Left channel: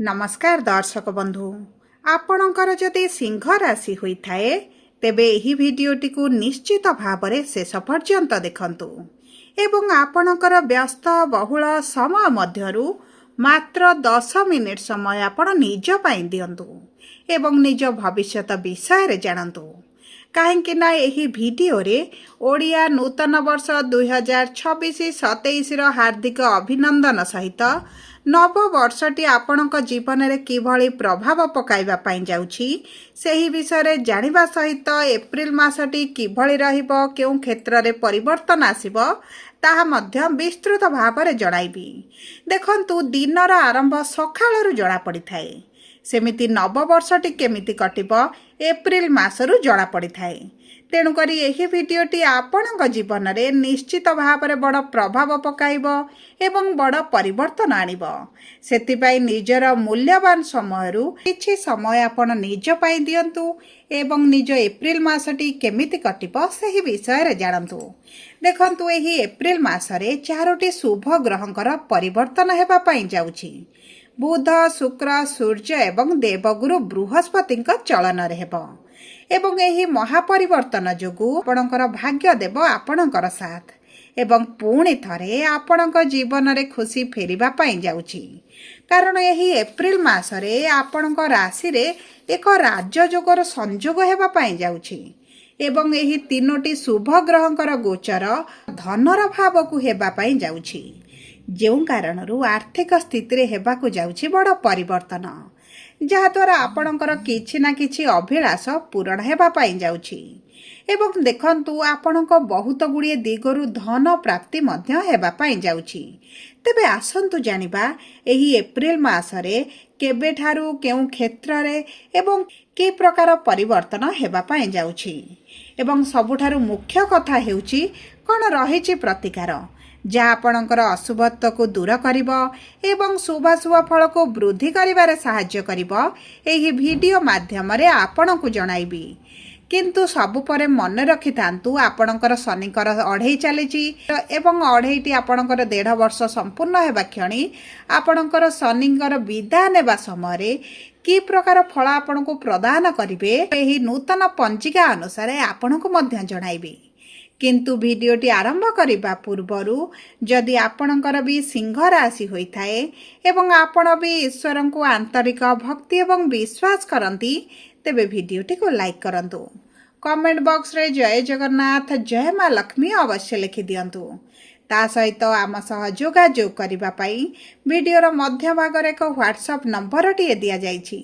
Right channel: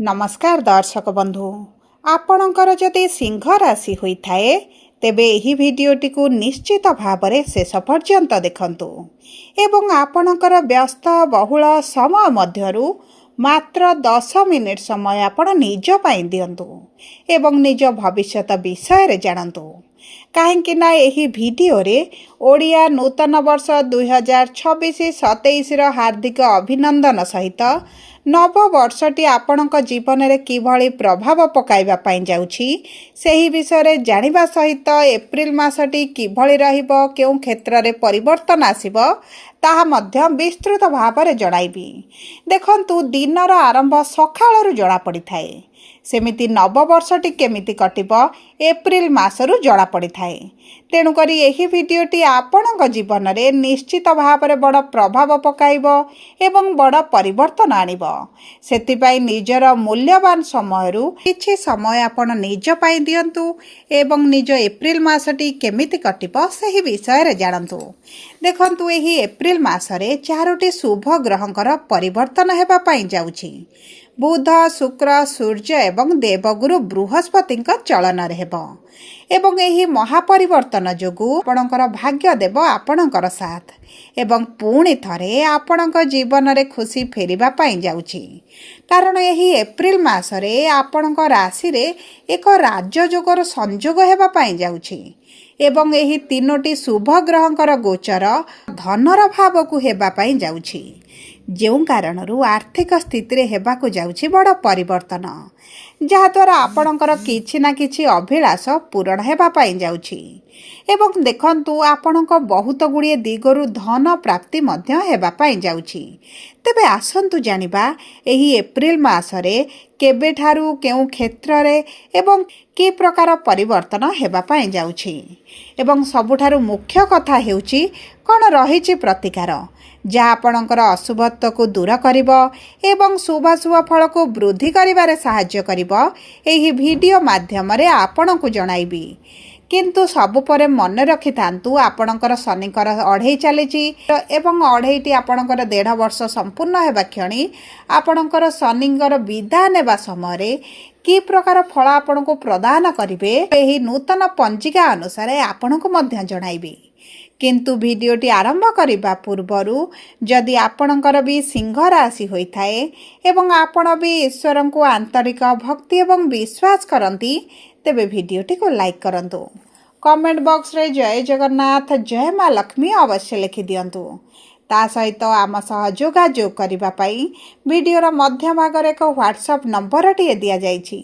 नमस्कार दर्शक बंधु आपणकर जदि सिंह राशि होता है तेबे एही भिडियोटी को निश्चित भाव में शेष पर्यंत देखंतु एवं आपणकर व्यस्त बहुल समय मध्यरु मात्र 10 मिनिट समय आपण निज पाई दियंतु एवं निज भविष्यत विषय रे जानंतु काहेकि ना एही भिडियो रे ओडिया नूतन वर्ष 2026-27 हार्दिक अभिनंदन सहित नव वर्षटी आपणक जीवन में किभली प्रभाव पकाइबा पाई जाउछि सेही विषय रे जानिबा सहित एप्रिल मासटी किभली रहिबो केउ क्षेत्र रे परिवर्तन आसिबो ताहा मध्य विस्तृत भाव में जणाइबी। देखंतु दिनर आरंभ सकाळरू जणा पड़िथाए सेमिति नववर्षटी केमिति कटिबो एप्रिल मासरू जणा पड़िथाए। तेणुकरी एही भिडियोटी आपणक जीवन में निश्चित भाव में बड़ प्रभाव पकाइबो एवं बड़ परिवर्तन आनिबो। सेतिपाई निजर मूल्यवान समयरू किछि समय आपण निज पाई दियंतु एवं निज एप्रिल मासटी केमिति कटिबो सेही विषय रे जानंतु। देखंतु एही एप्रिल मासरे 4टी शुभ ग्रहंकर परिवर्तन हेबा पाई जाउछि। बुध शुक्र सूर्य एवं देवगुरु बृहस्पति चलन हेबो एवं एही महापरिवर्तन जोगु आपणकर भाग्य देव आपणकर साथ एवं पुणी थरे आपणक जीवन रे खुशी फेरिबा पाई जाउछि। कारण एही एप्रिल मासरे आपणक राशि रे एक राजयोगर संयोग हेबा पाई जाउछि एवं एही 3टी शुभ ग्रहंकर गोचर धनर भाव को हेबा पाई जाउछि जेउ कारणरू आर्थिक स्थिति रे हेबाकु जाउछि बड़ परिवर्तन जहाद्वारा आपणकर किछि ना किछि अभिलाष पूरण हेबा पाई जाउछि। एवं देखंतु आपणक बहुत गुड़िए दिगरु धन प्राप्ति मध्य हेबा पाई जाउछि। तेबे आसंतु जानिबा एही एप्रिल मासरे केबेठारु केउ क्षेत्र रे एवं कि प्रकार परिवर्तन हेबा पाई जाउछि एवं सबुठारु मुख्य कथा हेउछि कोन रहिछि प्रतिकार जहाँ आपणकर अशुभत्व को दूर करिबो एवं शुभाशुभ फल को वृद्धि करिबारे साहाय्य करिबो एही वीडियो माध्यम रे आपण को जणाइबी। किंतु सबु परे मन रखि थांतु आपणकर शनिकर अढ़ई चलीछि एवं अढ़ईटी आपणकर 1.5 वर्ष संपूर्ण हेबा क्षणी आपणकर शनिकर विदा नेबा समय कि प्रकार फल आपण को प्रदान करिवे एही नूतन पंजिका अनुसार आपण को मध्य जणाइबी। किंतु भिडियोटी आरंभ करने पूर्वरु जदि आपणकर भी सिंह राशि होइथाए एवं आपण भी ईश्वर को आंतरिक भक्ति एवं विश्वास करती तेबे भिडियोटी को लाइक करंतु। कमेंट बॉक्स रे जय जगन्नाथ जय मां लक्ष्मी अवश्य लिखि दियंतु। ता सहित आम सह जोगाजोग करिबा पई भिडियोर मध्य भाग रे एक व्हाट्सएप नंबर टी दिया जाइछि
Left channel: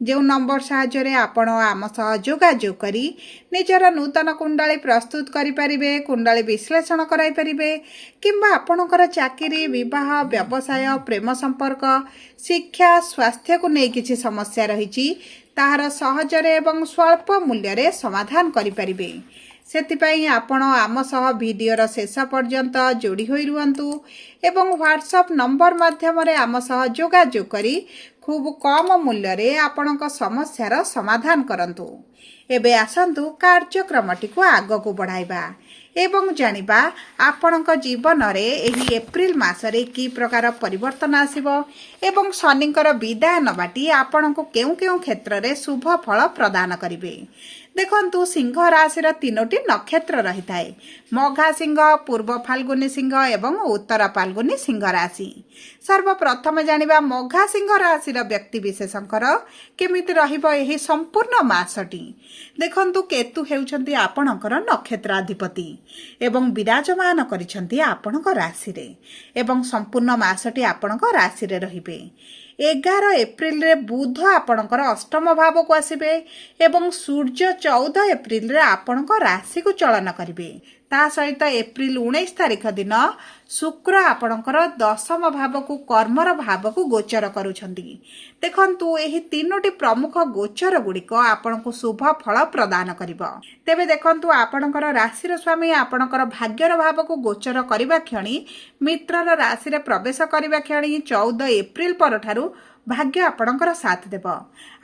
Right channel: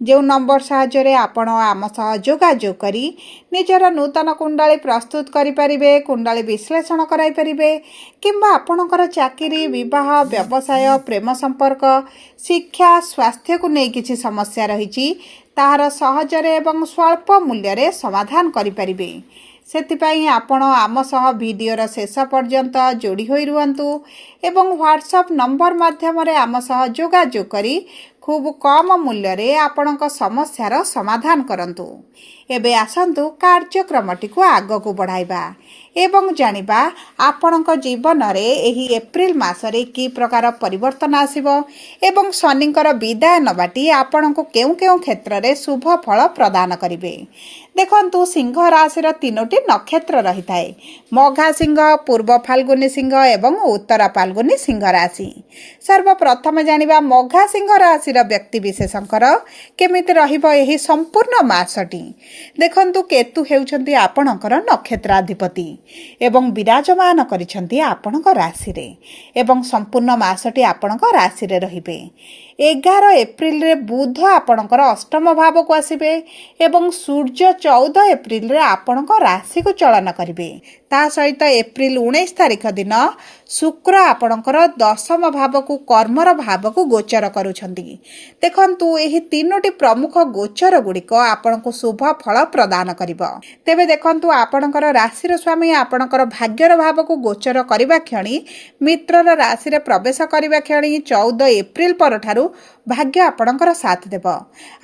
जो नंबर साहाय्य आपण आम सह जोगाजोग करी निजर नूतन कुंडली प्रस्तुत करें कुंडली विश्लेषण कराइपारे किंबा आपणकर चाकरी विवाह व्यवसाय प्रेम संपर्क शिक्षा स्वास्थ्य को नहीं किसी समस्या रही ताहार सहजरे एवं स्वल्प मूल्य रे समाधान करें। सेतिपाई आपण आम सह भिडियोर शेष पर्यंत जोड़ी होई रुहंतु एवं व्हाट्सएप नंबर माध्यम रे आम सह जोगाजोग करी खूब कम मूल्य रे आपणक समस्यार समाधान करंतु। एबे आसंतु कार्यक्रमटी को आग को बढ़ाइबा एवं जानिबा आपणक जीवन रे एही एप्रिल मासरे की प्रकार परिवर्तन आसिबो एवं शनिकर विदाय नबाटी आपणको केउ केउ क्षेत्र रे शुभ फल प्रदान करिवे। देखंतु सिंह राशि 3टी नक्षत्र रही थाए मघा सिंह पूर्व फाल्गुनी सिंह एवं उत्तर फाल्गुनी सिंह राशि। सर्वप्रथम जानिबा मघा सिंह राशि व्यक्ति विशेषकर केमिति रहिबो एही संपूर्ण मासटी। देखंतु केतु हेउछंती आपणकर नक्षत्राधिपति एवं विराजमान करिछंती आपणक राशि रे एवं संपूर्ण मासटी आपणक राशि रे रहिबे। 11 एप्रिल रे बुध आपणकर अष्टम भाव को आसिबे एवं सूर्य 14 एप्रिल रे आपणक राशि को चलन करिवे। ता सहित एप्रिल 19 तारिख दिन शुक्र आपणकर दशम भाव को कर्मर भाव को गोचर करुछंती। देखंतु एही 3टी प्रमुख गोचर गुड़िक आपण को शुभ फल प्रदान करिवो। तेबे देखंतु आपणकर राशि स्वामी आपणकर भाग्यर भाव को गोचर करबा क्षणी मित्रर राशि रे प्रवेश करबा क्षणी 14 एप्रिल परठारु भाग्य आपणकर साथ देव।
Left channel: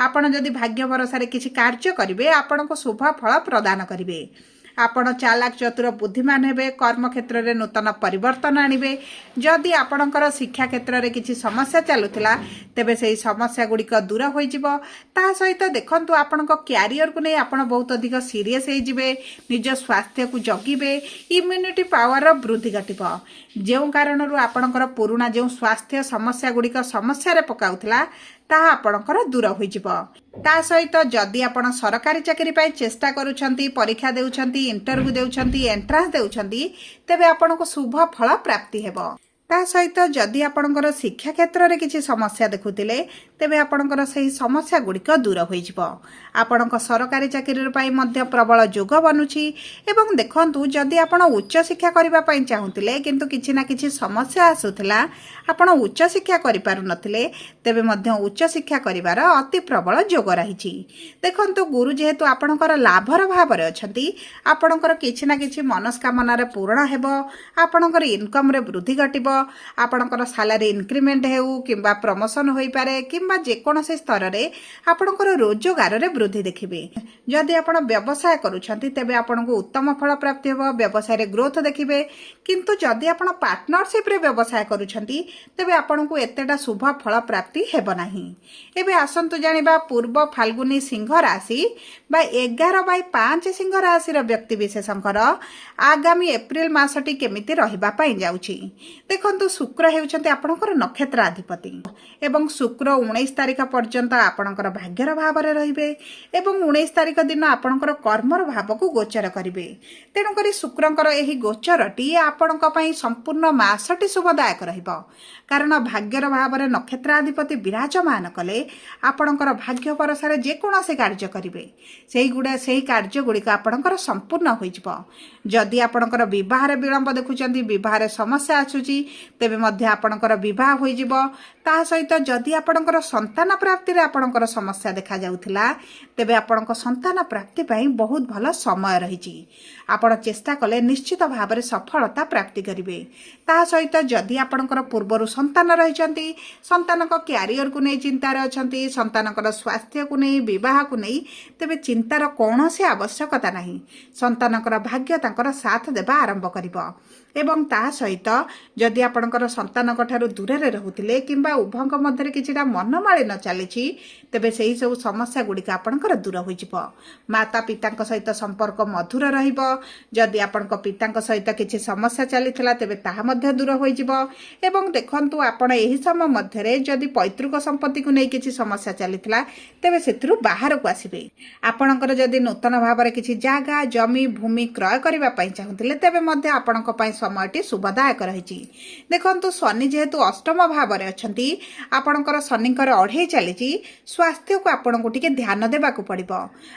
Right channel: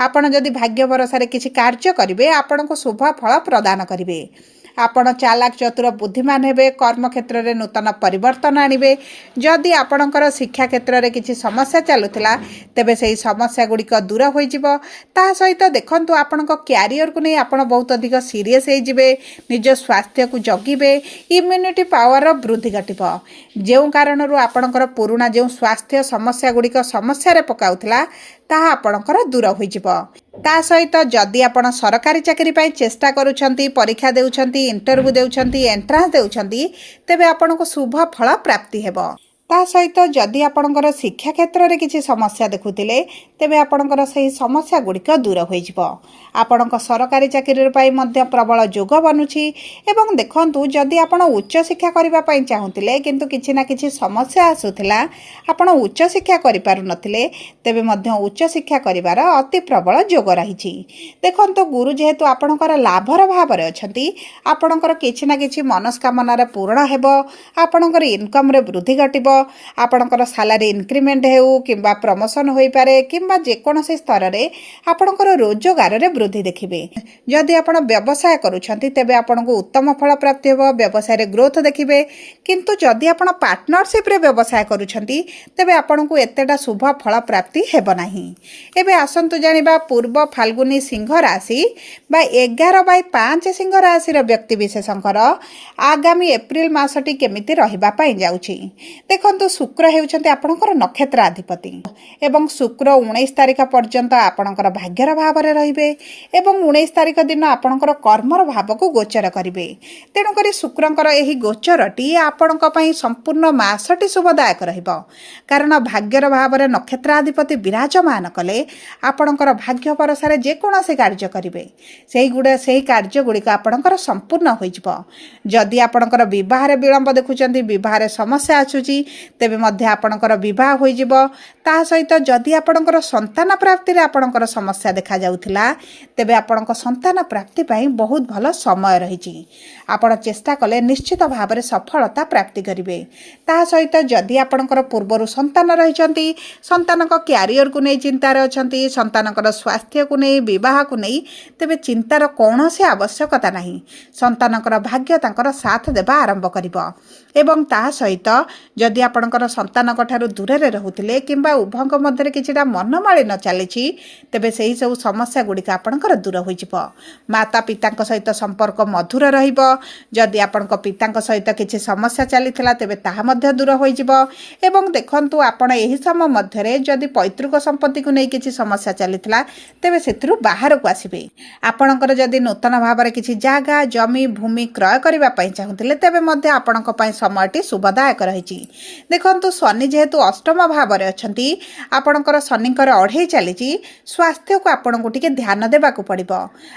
आपण जदि भाग्य भरोसा रे किछि कार्य करिवे आपण को शुभ फल प्रदान करिवे। आपण चालाक चतुर बुद्धिमान हेबे, कर्म क्षेत्र में नूतन परिवर्तन आणिबे। जदि आपणकर शिक्षा क्षेत्र में किसी समस्या चलुला तेबे से समस्या गुड़िक दूर हो सहित देखंतु आपणक क्यारियर को नहीं आपण बहुत अधिक सीरियस हो निज स्वास्थ्य को जगिबे, इम्यूनिटी पावर वृद्धि घटिबो। जो कारण आपणकर पुराना जो स्वास्थ्य समस्या गुड़िक समस्या पकाउथला ताहा आपणकर दूर होइजिबो। ता सहित जदि आपण सरकारी चाकरी पाई चेष्टा करूछंती, परीक्षा देउछंती, इंटरव्यू देउछंती, एंट्रांस देउछंती तेबे आपणको शुभ फल प्राप्ति हेबो। ता सहित जदि आपणकर शिक्षा क्षेत्र में किसी समस्या देखुतिले तेबे आपणकर सही समस्या गुड़िक दूर होइजिबो। आपणक सरकारी चाकरी पाई मध्य प्रबल जोग बनुछि। एवं देखंतु जदि आपण उच्च शिक्षा करिबा पाई चाहुतिले किंतु किछि ना किछि समस्या आसुथिला, आपण उच्च शिक्षा करि पारु नथिले तेबे मध्य उच्च शिक्षा करिवार अति प्रबल जोग रहिछि। देखंतु गुरु जेहेतु आपणकर लाभर भावरे अछंती, आपणकर किछि ना किछि मनस्कामनार पूर्ण हेबो, आपणकर इनकम रे वृद्धि घटिबो, आपणकर सैलरी इंक्रीमेंट हेउ किंबा प्रमोशन होई पारे किंबा जेकोनोसी स्तर रे आपणकर रोजगार रे वृद्धि देखिबे। जदि आपण व्यवसाय करूछंती तेबे आपणको उत्तम फल प्राप्ति हेबो, व्यवसाय रे ग्रोथ देखिबे। किंतु जदि आपण पार्टनरशिप रे व्यवसाय करूछंती तेबे आपणको एतेटा शुभ फल प्राप्ति हेबो नाही। एबे आसंतु जानिबा पूर्व फाल्गुनी सिंह राशि बा 11/5 सिंह राशि रो व्यक्ति विशेषकर आगामी एप्रिल मासटी केमिति रहिबा पई जाउछि। देखंतु शुक्र हेउछंती आपणकर नक्षत्र अधिपति एवं शुक्र 19 तारिख पर्यंत आपणकर भाग्यर भाव रे रहिबे एवं 19 तारिख दिन आपणकर कर्मर भाव को गोचर करिवे। तेणु करी शुक्रंकर एही गोचरटी आपणक पई संपूर्ण मासटी शुभदायक रहिबो। कारण भाग्यर भाव रे नक्षत्राधिपति विराजमान कले आपणकर भाग्य परसारे जे कोनोसी कार्य करिवे सेही कार्य गुड़िक आपणकर संपूर्ण होइजिबो। जदि आपणकर विवाह रे विलंब देखुचंती, विवाह रे समस्या आछुची तेबे मध्य आपणकर विवाह होइजिबो। ता सहित जदि आपणकर संतान प्राप्ति रे आपणकर समस्या देखा जाउथिला तेबे आपणक संतान प्राप्ति पई बहुत भलो समय रहिछि। आपण चेष्टा कले निश्चित भाव में सफलता प्राप्ति करिवे। ता सहित जदि आपणकर पूर्वरु संतान रहिचंती, संतानक क्यारियर को नै चिंतार अछंती, संतानकर स्वास्थ्य को नै, विवाह को नै तेबे चिंतार कोनोसी आवश्यकता नाही। संतानकर भाग्य तांकर साथ देबा आरंभ करिवो। एवं ता सहित जदि आपणकर संतानक ठारु दूर रे रहुतिले किंबा उभयक मध्यरे किछिटा मनमालिन्य चलिछि तेबे सेही सब समस्या गुड़िक आपणकर दूर होइजिबो। माता पितांक सहित संपर्क मधुर रहिबो। जदि आपणक पितांक सहित किछि समस्या चलिथिला तेबे ताहा मध्य दूर होइजिबो। एवं देखंतु आपण एही समय मध्यरे जदि पैतृक संपत्ति को नै किछि समस्या चलिथिला तेबे सेथिरु बाहर को आसीबे। आपणकर जदि नूतन भाव में किछि जागा जमी भूमि क्रय करिबा पई चाहुतिले तेबे मध्य आपणक पई समयटी शुभदायक रहिछि। देखंतु शनि जेहेतु अष्टम भाव में अछंती, आपणकर शनिकर अढ़ेई चलिछि, स्वास्थ्य को आपणको टिके ध्यान देबाकू पड़िबो।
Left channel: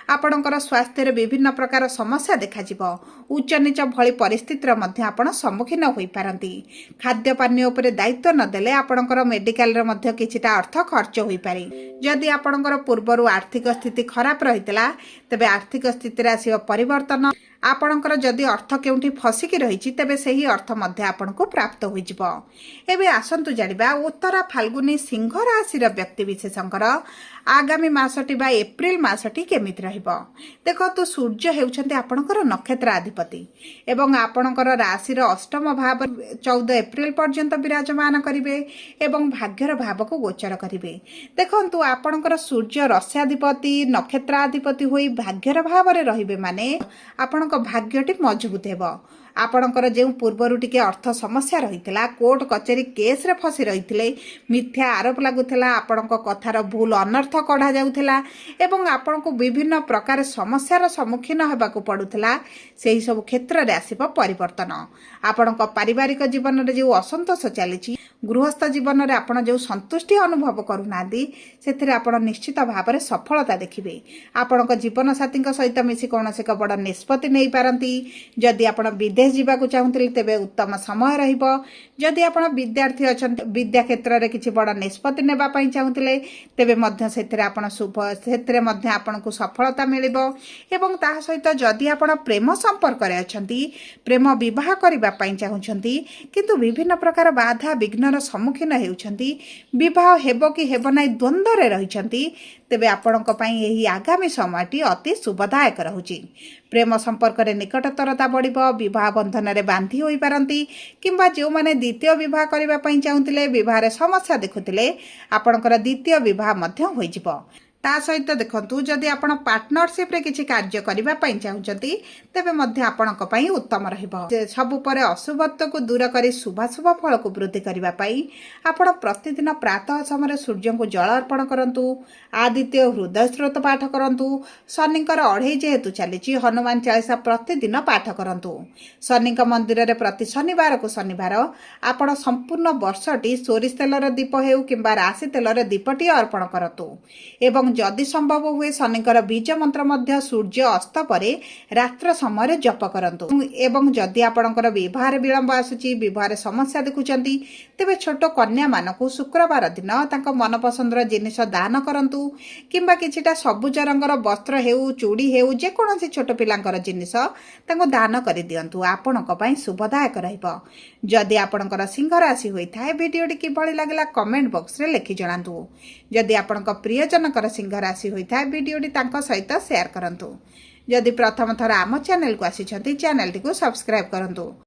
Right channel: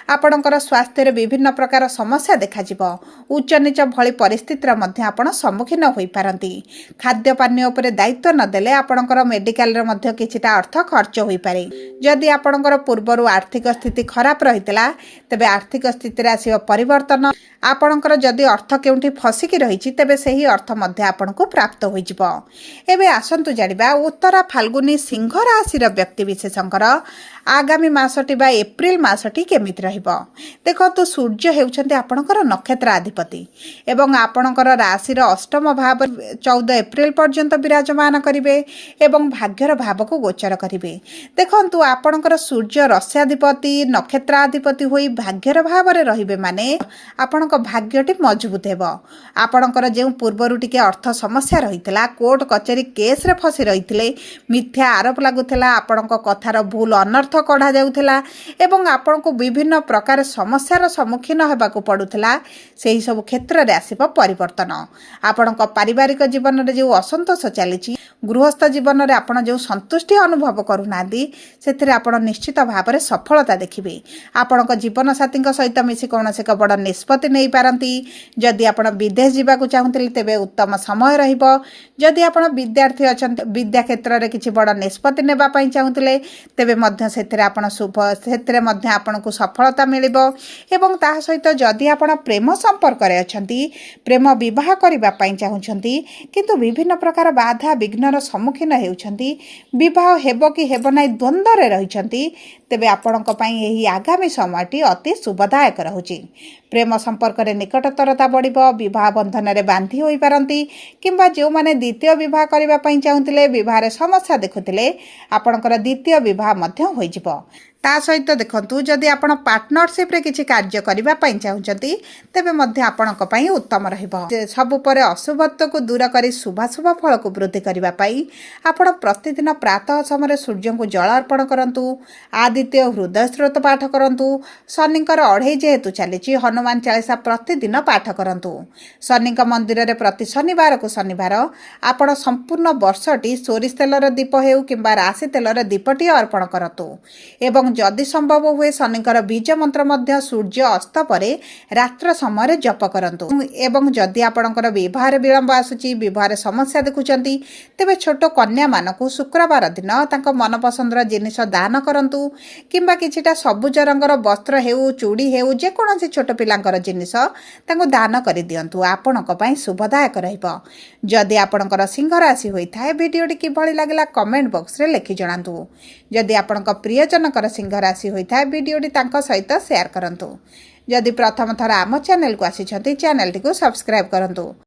आपणकर स्वास्थ्य रे विभिन्न प्रकार समस्या देखा जिवो। उच्च नीच भली परिस्थितिर मध्य आपण सम्मुखीन होई पारंती। खाद्य पानीय उपरे दायित्व न देले आपणकर मेडिकल रे मध्य किछिटा अर्थ खर्च होई पारे। जदि आपणकर पूर्वरु आर्थिक स्थिति खराब रहितला तेबे आर्थिक स्थिति रे आसीबो परिवर्तन। आपणकर जदि अर्थ केउंठी फसिकी रहिछि तेबे सेही अर्थ मध्य आपणको प्राप्त होइजिबो। एबे आसंतु जानिबा उत्तरा फाल्गुनी सिंह राशिर व्यक्ति विशेषकर आगामी मासटी बा एप्रिल मासटी केमिति रहिबो। देखंतु सूर्य हेउछन्ते आपणकर नक्षत्र अधिपति एवं आपणकर राशिर अष्टम भाव 14 एप्रिल पर्यंत विराजमान करिवे एवं भाग्यर भाव को गोचर करिवे। देखंतु आपणकर सूर्य रस्याधिपति नक्षत्राधिपति होई भाग्यर भाव रे रहिबे माने आपण भाग्यटी मजबूत हेबो। आपणकर जे पूर्वरु टिके अर्थ समस्या रहितला, कोर्ट कचेरी केस रे फसी रहितले, मिथ्या आरोप लागुथला, आपणक कथार भूल अनर्थ कढा जाउथला एवं आपणको विभिन्न प्रकार समस्यार सम्मुखीन हेबाकू पडुथला, सेही सब क्षेत्र रे आसीबो परिवर्तन। आपणक पारिवारिक जीवन रे जे असंतोष चलिछि, गृहस्थ जीवन रे आपण जे संतुष्टि अनुभव करूनांदी सेथिरे आपण निश्चित भाव में सफलता देखिबे। आपणक जीवन साथी सहित मिसी कौनसी एक बड़ निष्पत्ति नहीं पारती। जदि आपण विदेश जावाक चाहूले तेबे उत्तम समय रहिबो। जदि आपण विद्यार्थी अछंती विद्या क्षेत्र में किसी बड़ निष्पत्ति नेबा पई चाहूले तेबे मध्य सेथिरे आपण शुभ सेथिरे मध्य आपणको सफलता मिलिबो। एवं ता सहित जदि आपण प्रेम संपर्क रे अछंती, प्रेम विवाह करबा पई चाहूछंती किंतु विभिन्न प्रकार बाधा विघ्न ପ୍ରଶ୍ନର ସମ୍ମୁଖୀନ ହେଉଛନ୍ତି, ବିବାହ ହେବ କି ହେବ ନାହିଁ ଦ୍ୱନ୍ଦ୍ୱରେ ରହିଛନ୍ତି, ତେବେ ଆପଣଙ୍କ ପାଇଁ ଏହି ଆଗାମୀ ସମୟଟି ଅତି ଶୁଭଦାୟକ ରହୁଛି। ପ୍ରେମ ସମ୍ପର୍କରେ ନିକଟତରତା ବଢ଼ିବ, ବିବାହ ବନ୍ଧନରେ ବାନ୍ଧି ହୋଇପାରନ୍ତି କିମ୍ବା ଯେଉଁମାନେ ଦ୍ୱିତୀୟ ବିବାହ କରିବା ପାଇଁ ଚାହୁଁଥିଲେ, ବିବାହରେ ସମସ୍ୟା ଦେଖୁଥିଲେ, ଆପଣଙ୍କର ଦ୍ୱିତୀୟ ବିବାହ ମଧ୍ୟ ହୋଇଯିବ। ତା ସହିତ ଦେଖନ୍ତୁ, ଯଦି ଆପଣ ପାର୍ଟନରସିପ୍ରେ କିଛି କାର୍ଯ୍ୟ କରିବା ପାଇଁ ଚାହୁଁଛନ୍ତି, ତେବେ ମଧ୍ୟ ଆପଣଙ୍କ ପାଇଁ ଉତ୍ତମ ରହିବ। ସବୁ ପରେ ଅଶୁଭତ୍ୱକୁ ଦୂର କରି ଶୁଭାଶୁଭ ଫଳକୁ ବୃଦ୍ଧି କରିବା ପାଇଁ ଆପଣ ପ୍ରତିଦିନ ପ୍ରାତଃ ସମୟରେ ସୂର୍ଯ୍ୟଙ୍କୁ ଜଳ ଅର୍ପଣ କରନ୍ତୁ। ଆଦିତ୍ୟ ହୃଦୟ ସ୍ରୋତ ପାଠ କରନ୍ତୁ। ଶନିଙ୍କର ଅଢ଼େଇ ଯେହେତୁ ଚାଲିଛି, ହନୁମାନ ଚାଳିଶା ପ୍ରତିଦିନ ପାଠ କରନ୍ତୁ। ଶନିଙ୍କ ମନ୍ଦିରରେ ପ୍ରତି ଶନିବାରକୁ ଶନିବାର ଆପଣ ସମ୍ପୂର୍ଣ୍ଣ ବର୍ଷଟି ସୋରିଷ ତେଲର ଦୀପ ହେଉ କିମ୍ବା ରାଶି ତେଲର ଦୀପଟିଏ ଅର୍ପଣ କରନ୍ତୁ। ଏବଂ ଯଦି ସମ୍ଭବ ହୁଏ ଶନିଙ୍କର ବୀଜ ମନ୍ତ୍ର ମଧ୍ୟ ସୂର୍ଯ୍ୟ ଅସ୍ତ ପରେ ରାତ୍ର ସମୟରେ ଜପ କରନ୍ତୁ। ଏବଂ ଯଦି ଆପଣଙ୍କର ବିବାହରେ ବିଳମ୍ବ ଆସୁଛି, ବିବାହରେ ସମସ୍ୟା ଦେଖୁଛନ୍ତି, ତେବେ ଛୋଟ କନ୍ୟାମାନଙ୍କୁ ଶୁକ୍ରବାର ଦିନ ତାଙ୍କ ମନପସନ୍ଦର ଜିନିଷ ଦାନ କରନ୍ତୁ କିମ୍ବା କିଛିଟା ସବୁଜ ରଙ୍ଗର ବସ୍ତ୍ର ହେଉ, ଚୁଡ଼ି ହେଉ, ଯେକୌଣସି ଛୋଟ ପିଲାଙ୍କର ଜିନିଷ ତାଙ୍କୁ ଦାନ କରିଦିଅନ୍ତୁ। ଆପଣଙ୍କ ପାଇଁ ଶୁଭଦାୟକ ରହିବ। ଯଦି ଆପଣଙ୍କର ସିଂହ ରାଶି ହୋଇଥାଏ, ଭିଡ଼ିଓଟି କିଭଳି ଲାଗିଲା କମେଣ୍ଟ ବକ୍ସରେ ଲେଖି ଜଣାନ୍ତୁ। ଯଦି ଆପଣଙ୍କ ପ୍ରିୟଜନଙ୍କର ସିଂହ ରାଶି ହୋଇଥାଏ, ଭିଡ଼ିଓଟି ତାଙ୍କ ସହିତ ସେୟାର କରନ୍ତୁ। ଯଦି ପ୍ରଥମ ଥର ଆମ ଚ୍ୟାନେଲକୁ ଆସିଛନ୍ତି, ଚ୍ୟାନେଲଟିକୁ ସବସ୍କ୍ରାଇବ୍ କରନ୍ତୁ।